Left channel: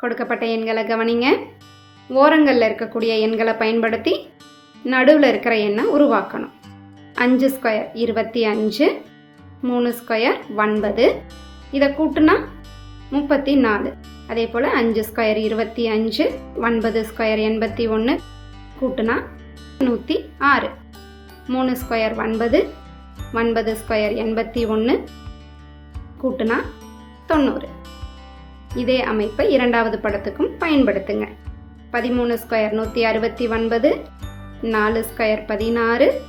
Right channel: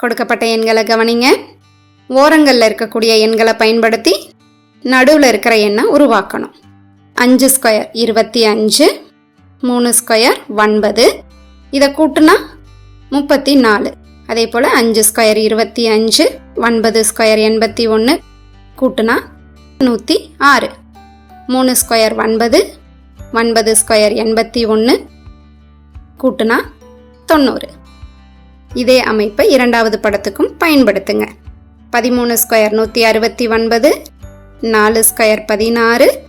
கொடுக்கப்பட்ட எண்களை கவனிங்க. ஓரங்களில் இருக்கக்கூடிய எண்களை பயன்படுத்தி நடுவில் இருக்கிற எண்ணை உருவாக்கணும். அஞ்சு ஸ்கொயர் இருபத்தி அஞ்சு மூணு ஸ்கொயர் ஒன்பது இதை கூட்டுனா முப்பத்தி நாலு. அதே போல் அஞ்சு ஸ்கொயர் இருபத்தி அஞ்சு ஒன்பது ஸ்கொயர் எண்பத்தி ஒன்று கூட்டுனா நூற்றி ஆறு. மூணு ஸ்கொயர் ஒன்பது ஒன்பது ஸ்கொயர் எண்பத்தி ஒன்று கூட்டுனா தொண்ணூறு. இதே அமைப்பை இரண்டாவது படத்துக்கும் பயன்படுத்துங்க. பதிமூணு ஸ்கொயர் நூற்றி அறுபத்தி ஒன்பது நாலு ஸ்கொயர் பதினாறு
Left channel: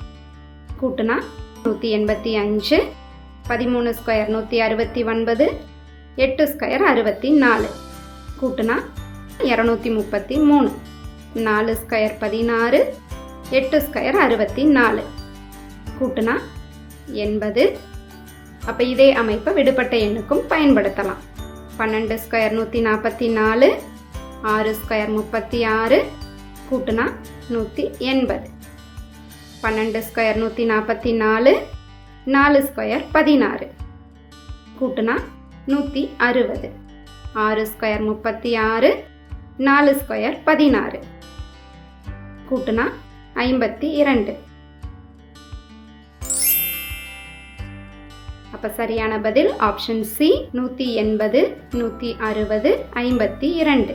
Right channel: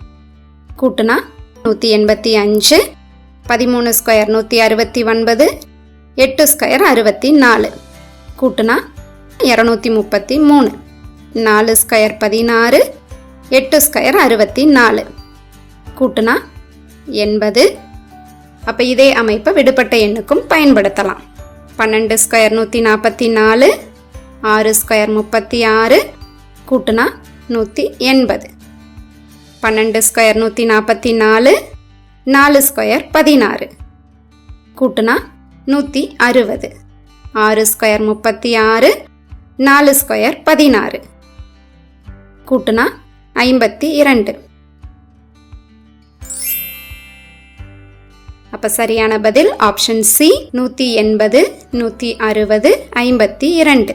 கூட்டுனா நூற்றி எண்பத்தி அஞ்சு பதிமூணு ஸ்கொயர் நூற்றி அறுபத்தி ஒன்பது எட்டு ஸ்கொயர் அறுபத்தி நாலு கூட்டுனா இரநூத்தி முப்பத்தி மூணு நாலு ஸ்கொயர் பதினாறு எட்டு ஸ்கொயர் அறுபத்தி நாலு கூட்டுனா எண்பது. அப்போ இதே அமைப்பை விடுபட்ட எண்ணுக்கும் பயன்படுத்தலாம். பன்னெண்டு ஸ்கொயர் நூற்றி நாற்பத்தி நாலு ஆறு ஸ்கொயர் முப்பத்தி ஆறு கூட்டுனா நூற்றி எண்பது. பன்னெண்டு ஸ்கொயர் நூற்றி நாற்பத்தி நாலு நாலு ஸ்கொயர் பதினாறு கூட்டுனா நூற்றி அறுபது. ஆறு ஸ்கொயர் முப்பத்தி ஆறு நாலு ஸ்கொயர் பதினாறு கூட்டுனா ஐம்பத்தி இரண்டு. அப்போ சரியான பதில் ஆப்ஷன் சி நூற்றி எண்பது நூற்றி அறுபது ஐம்பத்தி இரண்டு.